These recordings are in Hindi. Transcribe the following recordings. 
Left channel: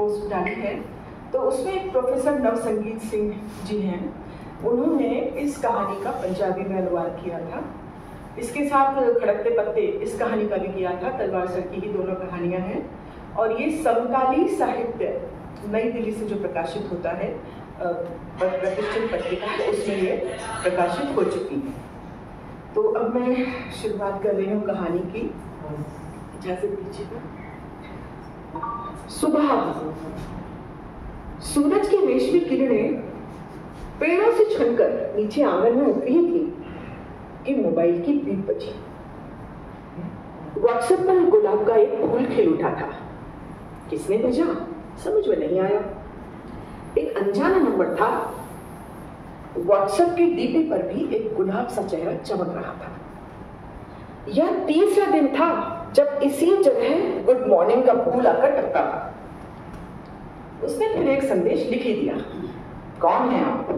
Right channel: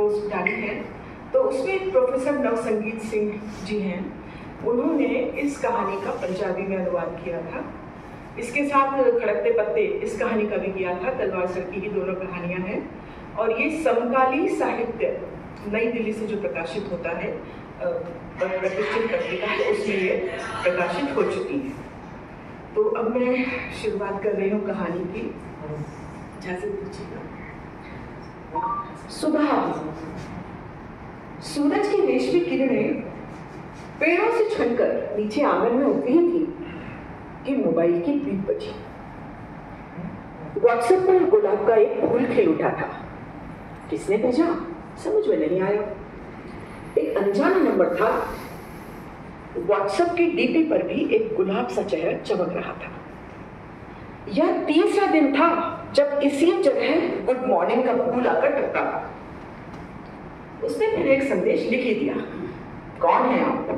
पोस्ट डाली है, तो उसमें प्रोफेसर नवसंगीत सिंह जी हैं, उन्होंने इस कहानी का पंजाबी में अनुवाद किया था। इसके साथ खड़कते पत्ते इस कहानी का भी किया था, तलवार सर की ही दोनों कहानियां हैं। और ये समकाली साहित्य नई दिल्ली से जो प्रकाशित होता है प्रतिष्ठित पत्रिका, उसमें ये प्रकाशित हो चुकी है। तो अब मैं शुरुआत कर रही हूँ कहानी की, इजाजत दीजिएगा। सुबह सूरज की रेशमी किरणें पेड़ों से छनकर नीचे आंगन में उतरी थी कि मोबाइल की बीप बजी। व्हाट्सएप पर गुलाब का एक फूल खिल उठा था। किसने भेजा समझ में नहीं आया। एक अनजाना नंबर था। व्हाट्सएप की डीपी पर भी एक गुलाब सा चेहरा चमक रहा था। यह तीसरा दिन था जब इसी जगह गुड मॉर्निंग का फूल आकर टकराया। उसने फिर एक संदेश लिख ही दिया, कौन है आप?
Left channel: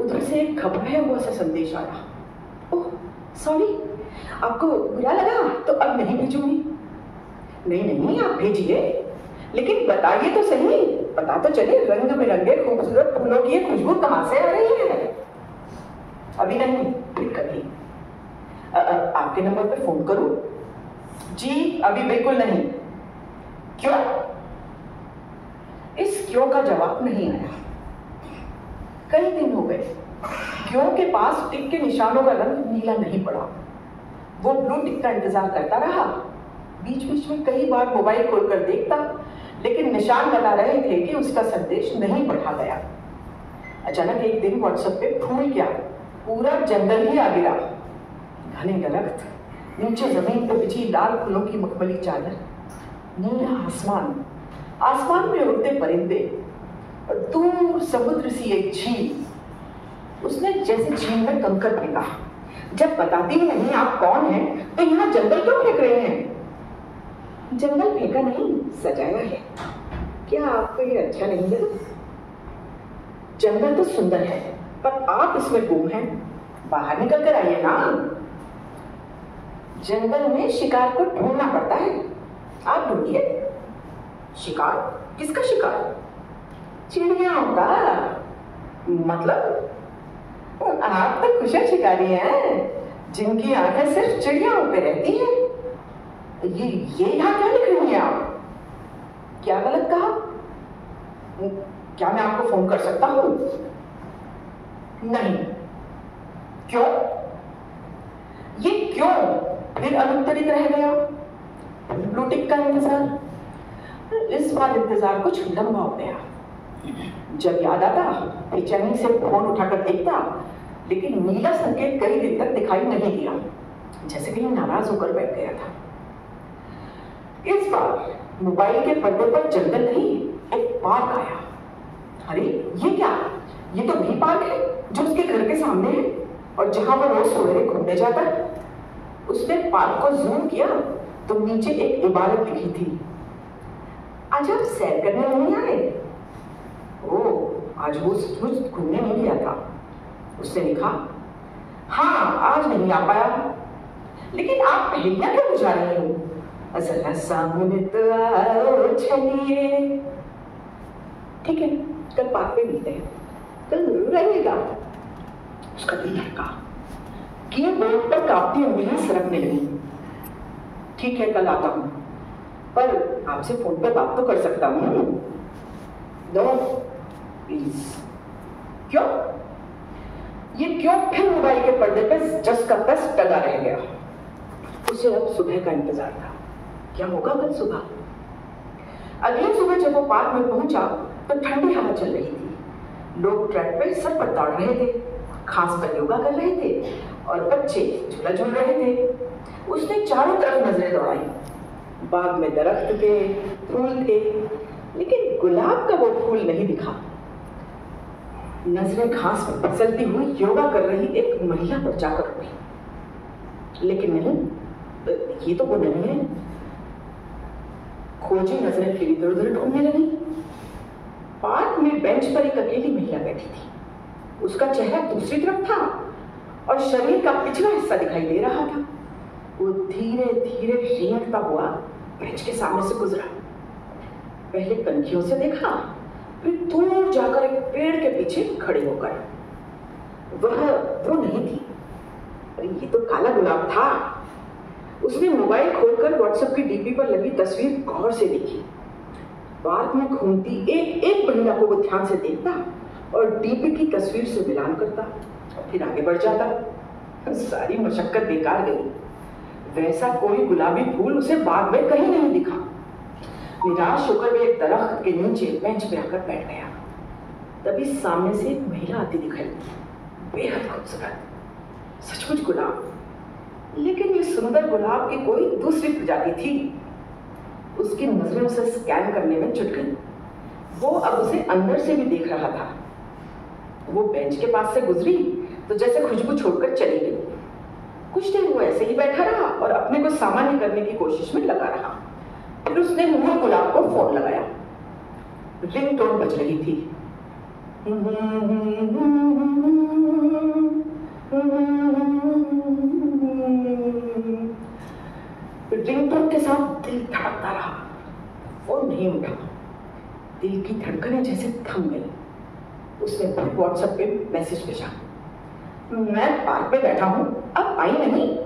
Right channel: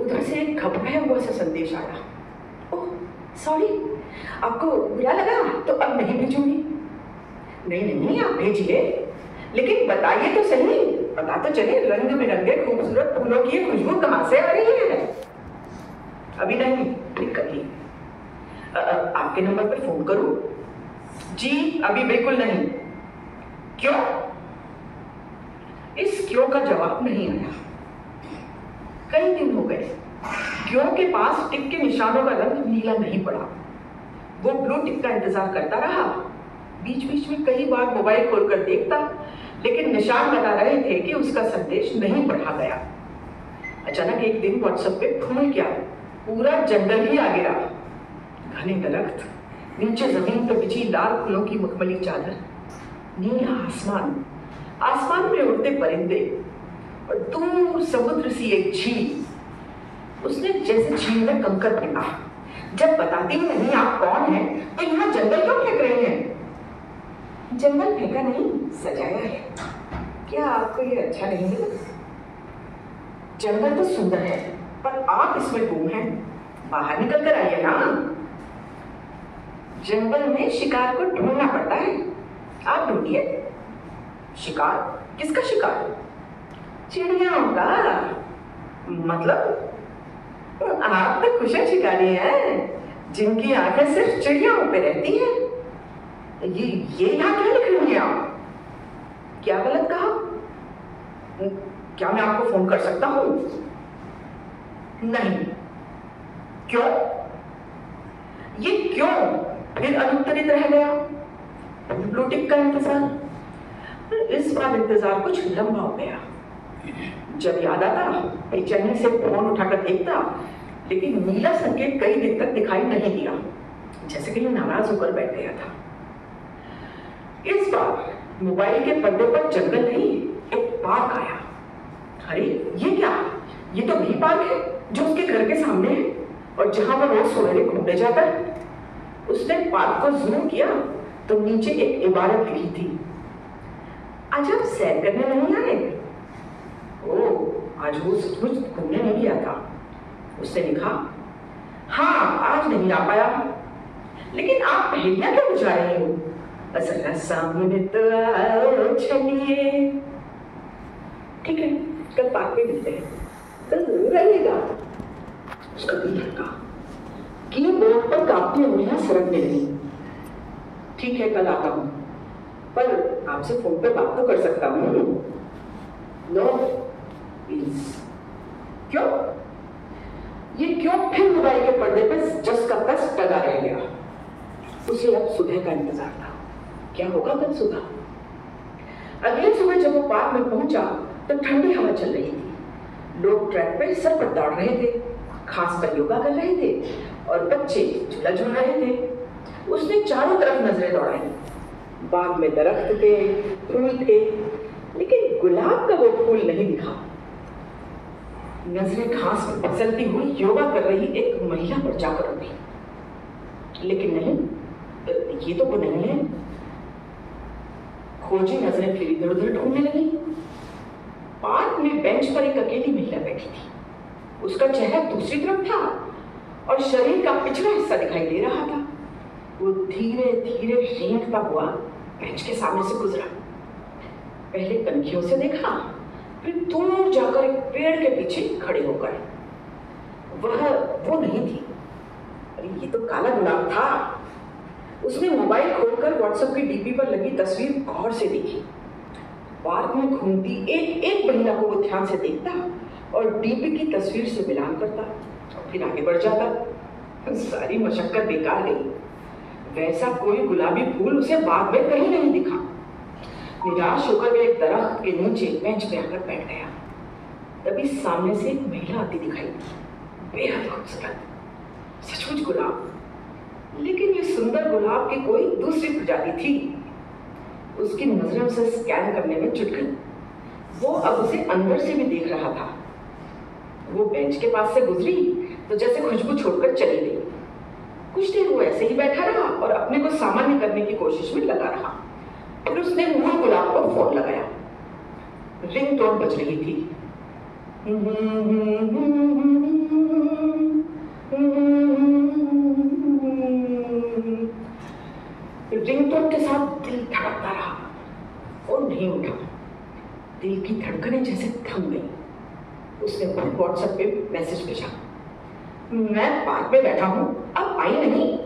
उधर से एक घबराया हुआ सा संदेश आया, ओह सॉरी, आपको बुरा लगा तो अब नहीं भेजूंगी। नहीं आप भेजिए, लेकिन बताइए तो सही, पता तो चले रंग बिरंगे खूबसूरत फूलों की खुशबू कहाँ से आ रही है। अभी नहीं, कभी। आपके नंबर पे फोन करूं? जी अभी बिल्कुल नहीं। क्यों? इस क्यों का जवाब नहीं आया। कई दिन हो गए, क्यों के पास टिक के निशानों का रंग नीला नहीं पड़ा। वो ब्लू टिक का इंतजार करता रहा। बीच बीच में कई बार मोबाइल खोलकर देखता, लेकिन निशान बता रहे थे कि उसका संदेश नहीं पढ़ा गया। अचानक एक दिन व्हाट्सएप पे फूल क्या, पूरा जंगल ही आ गिरा। घने दरख्त, नीचे जमीन पर बिछी लाल फूलों की मखमली चादर, नीला आसमान, आसमान में उड़ते परिंदे और दूर समुद्र सी एक झील। उसने जैसे झील में कंकर फेंका। जब बताती नहीं आप कौन हैं, तो यहाँ जंगल क्यों फेंक रहे हैं? जंगल फेंका नहीं, सजाया है। क्या आपको ये अच्छा नहीं लगा? जंगल तो सुंदर है, पर आप इसमें गुम हैं। बाहर निकल कर आइए ना। जंगल में शिकार को ढूंढना पड़ता है, आप ढूंढिए। शिकार? किसका शिकार? चिड़ियाओं का। मतलब आप तो कुशल शिकारी हैं, जिनकी आंखें सिर्फ चिड़ियाओं पे रहती हैं। ये यहाँ क्या लिख रही हैं आप? क्या गलत कहा? क्या मैं आपको फोन कर सकता हूँ? नहीं। क्यों? ये क्यों फिर अनुत्तरित रह गया? ब्लू टिक का इंतजार। इस बार इंतजार कुछ लंबा हो गया। जब याद आता बेचैनी से फोन उठाकर देखता, लेकिन नीला संकेत कई दिन तक दिखाई नहीं दिया, जैसे कहीं नाराज होकर बैठ गया था। इस बार मोबाइल के पर्दे पर जंगल नहीं, एक पार्क आया। अरे ये क्या? ये तो भी पार्क है जो उसके घर के सामने है और जहां वो रोज सवेरे घूमने जाता है। उसने पार्क को जूम किया तो नीचे एक इबारत लिखी थी, आज आप सैर करने नहीं आए? ओह, आज वो सचमुच घूमने नहीं गया था। उसने लिखा, हाँ आज नहीं आ पाया, लेकिन आप पहेलियां क्यों बुझा रही हो? असल सामने तो आओ चलिए। ठीक है, कल पार्क में मिलते हैं, कल जरूर आइएगा। उसका दिल धड़का, कीबोर्ड पर काफी उंगलियां सरकने लगी। ठीक है, कल आता हूँ, पर आपसे फोन पर बात तो कर सकता हूँ। No please. क्यों? ये क्यों फिर मोबाइल के पर्दे पर जस का तस टंगा रह गया। उसे अब सुबह का इंतजार था, क्या होगा कल सुबह। अगली सुबह जब वो पार्क में पहुंचा तो ठंडी हवा चल रही थी। लोग ट्रैक पे सर पर दौड़ रहे थे, घास पर योगा कर रहे थे और बच्चे झूला झूल रहे थे। उसने चारों तरफ नजरें दौड़ाई। बाग में दरख्त थे, फूल थे, लेकिन गुलाब का वो फूल नहीं दिखा। नजरें घास में फिसलती हुई योगा कर रही एक महिला पर जाकर रुकी, लेकिन नहीं, ये तो वो नहीं है। खोजी नजरें फिर इधर उधर ढूंढने लगी। पार्क में बेंच पर एक अकेली महिला बैठी थी। उसका चेहरा दूसरी तरफ था और शरीर का पिछला हिस्सा दिखाई दे रहा था। वो धीरे धीरे रेंगता हुआ बेंच के सामने से गुजरा। पहले कनखियों से देखा, फिर दूर जाकर एक पेड़ के पीछे खड़े होकर। वो नहीं थी। अरे ये तो काला गुलाब था। उसने मोबाइल खोलकर व्हाट्सएप की डीपी पर लगी तस्वीर गौर से देखी। पार्क में घूमती एक एक महिला को वो ध्यान से देखता और डीपी की तस्वीर से मिलान करता और फिर आगे बढ़ जाता। सारी मशक्कत बेकार गई। वैसा कोई गुलाबी फूल उसे बाग में कहीं नहीं दिखा। निराश होकर वे एक दरख्त के नीचे बेंच पे आकर बैठ गया। तभी सामने से एक महिला आती दिखाई, बेहद खूबसूरत, सचमुच गुलाब। लेकिन ये सुंदर गुलाब की कोई दूसरी प्रजाति थी। उसकी नजरें उसे स्कैन करने में जुट गई। वो अब उसे अंदर से भी देख रहा था। वो बेंच के पास से गुजरी तो जैसे खुशबू छोड़कर चली गई। कुछ देर वो ऐसे ही बैठा रहा और अपने को सामान्य करने की कोशिश में लगा रहा। फिर उसने मुंह गुलाब को फोन लगाया। रिंगटोन बज रही थी। रिंगटोन के साथ दिल धड़कता रहा। फोन नहीं उठा। दिल की धड़कनें जैसे थम गई। उसने व्हाट्सएप पे मैसेज भेजा, मैं पार्क में बैठा हूं, अब आई नहीं।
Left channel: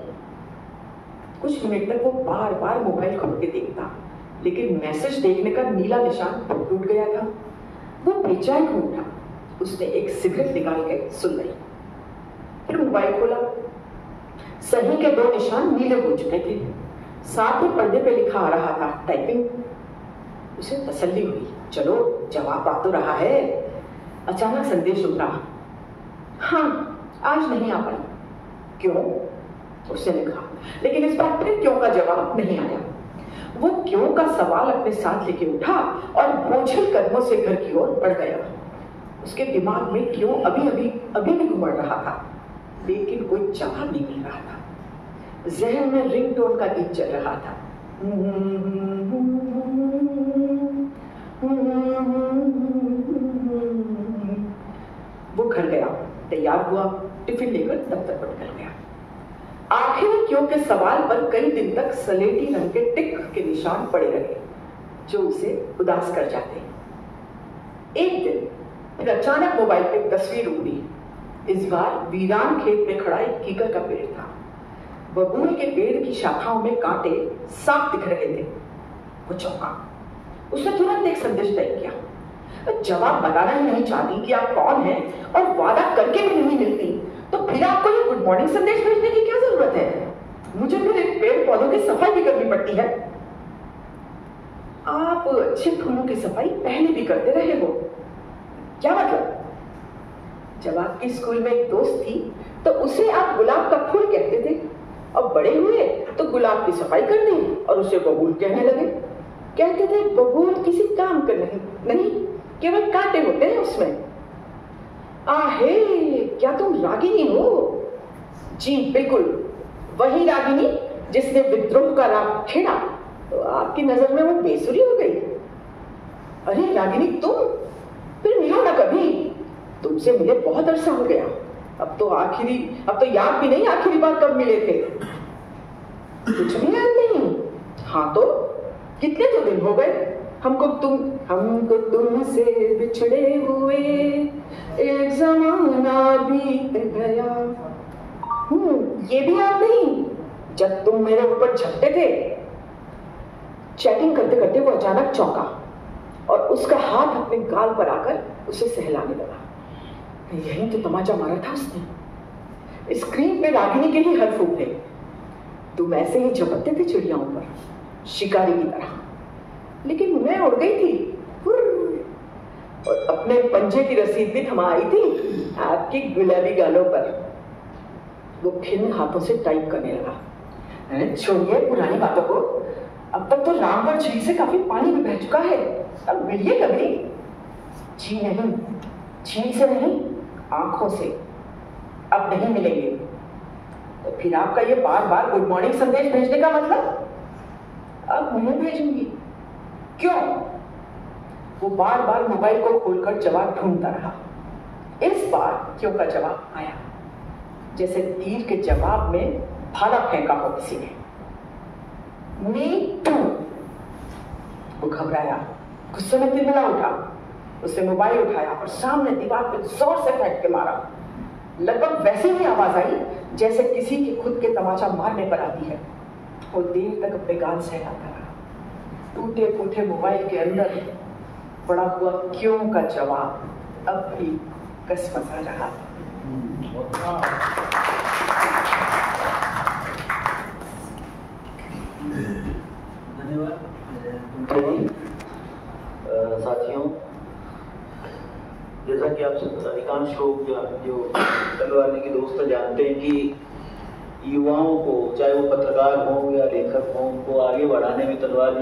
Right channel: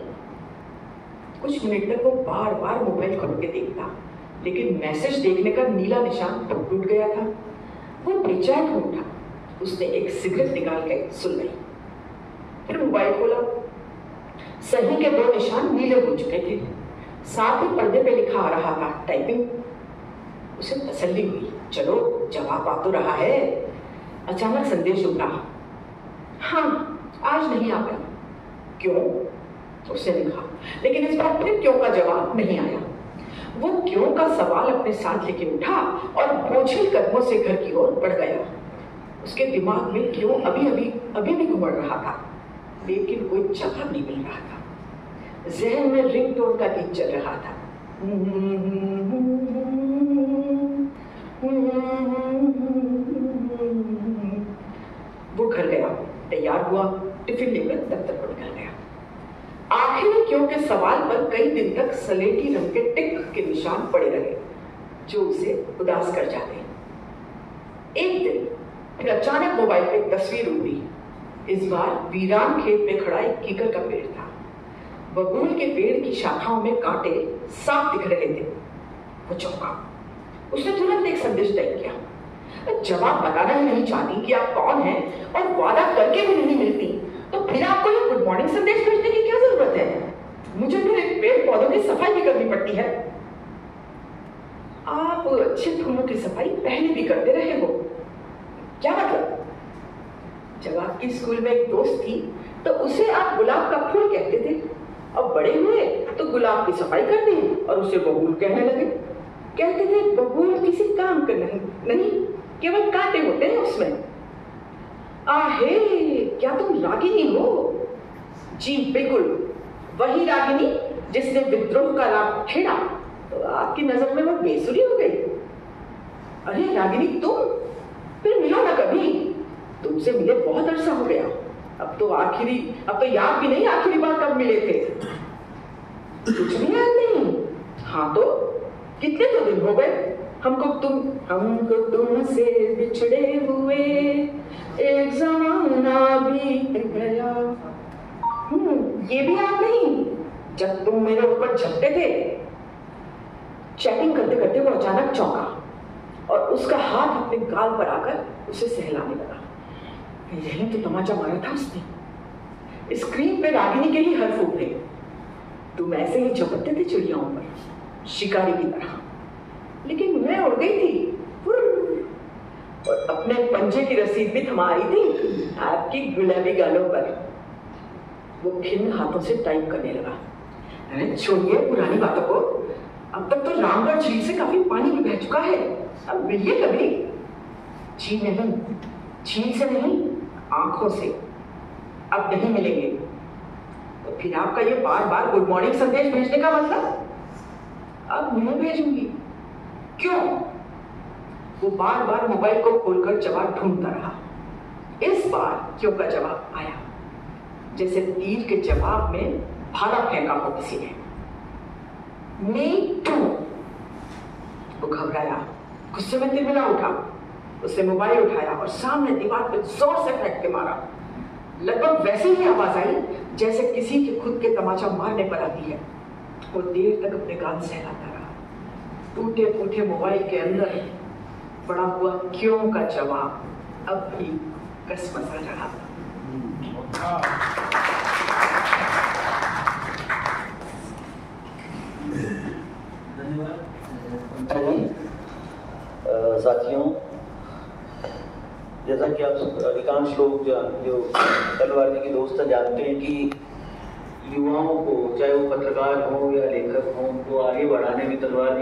कुछ मिनट तक वो बार बार मोबाइल खोल के देखता, लेकिन मैसेज देखने का नीला निशान टूट गया था। वो बेचैन हो उठा। उसने एक सिगरेट निकाल के सुन ली। फिर मोबाइल खोला। सही के 2 निशान नीले हो चुके थे। साथ ही पर्दे पे लिखा आ रहा था टाइपिंग। उसे तसल्ली हुई, चलो जवाब आ तो रहा है। अचानक संदेश उठा, हाँ आज नहीं आ पाई। क्यों? उसने लिखा, लेकिन इस बार फिर क्यों का जवाब नहीं आया। वो क्यों का सवाल अपने साथ लेके उठा और बोझिल कदमों से घर की ओर बढ़ गया। उसके दिमाग में क्यों अभी भी घुमड़ रहा था, लेकिन कोई जवाब नहीं मिल रहा था। जहन में रिंगटोन का गीत चल रहा था। वो घर गया, तैयार हुआ, टिफिन लेकर दफ्तर पर निकल गया। आखिर क्यों के सवाल पर कई दिन तक सलेटी रंग के टिक के निशान पड़े रहे, जो उसे उदास कर जाते। एक दिन फिर अचानक मोबाइल पे तस्वीर उड़ी। इस बार वीरान खेत में खड़ा एक कीकर का पेड़ था। बबूल के पेड़ की शाखाओं में कांटे साफ दिख रहे थे। वो चौंका। उसने तुरंत एक संदेश टाइप किया, जवाब बताना ही नहीं चाहती कि आप कौन हैं और वादा करके भी नहीं मिलती, तो फिर आपको ये गुड मॉर्निंग संदेश भेजने की क्या जरूरत है? मुझे फिर पेड़ पौधों की सफाई भी करनी पड़ती है। आप अच्छे फूलों की सफाई पहले भी करते रहे हो, क्या मतलब? जब आपकी स्कूल में एक दोस्त थी तो उसे आप गुलाब का फूल कहते थे, और बड़े हुए तो गुलाब की सफाई कर दी और उसे बबूल कहने लगे। कहते थे बबूल किसी काम का नहीं, केवल कांटे होते हैं उसमें। आहे, क्या तुम रागिनी हो? जी बिल्कुल, वही रागिनी जिसने विद्रोह का राग छेड़ा तो आपकी नजर में वो बेसुरी हो गई। अरे रागिनी तुम, फिर मिलो ना कभी। तुमसे मिले बहुत अरसा हो गया। अब तो याद भी नहीं आखिरी बार कब मिले थे। कुछ भी याद नहीं? हाँ तो कितने तो दिन हो गए हमको तुमसे बिछड़े हुए, एक जमाना बीत गया। ये भी याद नहीं जब तुम मेरे ऊपर झपटे थे? चैटिंग करते करते वो अचानक चौंका और उसका हाथ अपने गाल पर आकर उसे सहलाने लगा। यही तो तमाचा मारा था उसने। स्क्रीन पे रागिनी के ही हर्फ उठे। तुम ऐसे ही झपटते थे चिड़ियाओं पर, शिकारी की तरह, लेकिन मैं उड़ गई थी और अपने पंजे की रसीद भी थमा आई थी आपकी गुलाबी गालों पर। वो खिन्न हाथों से टाइप करने लगा। छोड़िए पुरानी बातों को, अब तक तो रामगढ़ झील से काफी पानी भी बह चुका है। अब मिलिए कभी। जी नहीं, झील से नहीं, आंखों से। अब नहीं मिलेंगे। तो फिर आपका ये बार बार गुड मॉर्निंग संदेश भेजने का मतलब? अब नहीं भेजूंगी। क्यों? वो बार बार मोबाइल को खोलकर जवाब ढूंढता रहा। इस बार क्यों का जवाब आया, जैसे तीर के जवाब में भाला फेंका हो किसी ने। Me too. वो घबराया, गुस्से में तिलमिला उठा, उसने मोबाइल उठाया और सामने दीवार पे जोर से फेंक के मारा। लगभग वैसी ही आवाज आई जैसे किसी की खुद के तमाचा मारने पर आती है। वो देर तक अपने गाल सहलाता रहा। टूटे फूटे मोबाइल के अंदर पड़ा हुआ क्यों का जवाब अब भी कसमसा रहा था। धन्यवाद साथियों। जैसा कि आप अधिकांश लोग जो तलवार की दोस्त जानते हैं कि युवाओं को, चाहे वो पत्रकार हो या लेखक हो, उनको आगे बढ़ाने में तलवार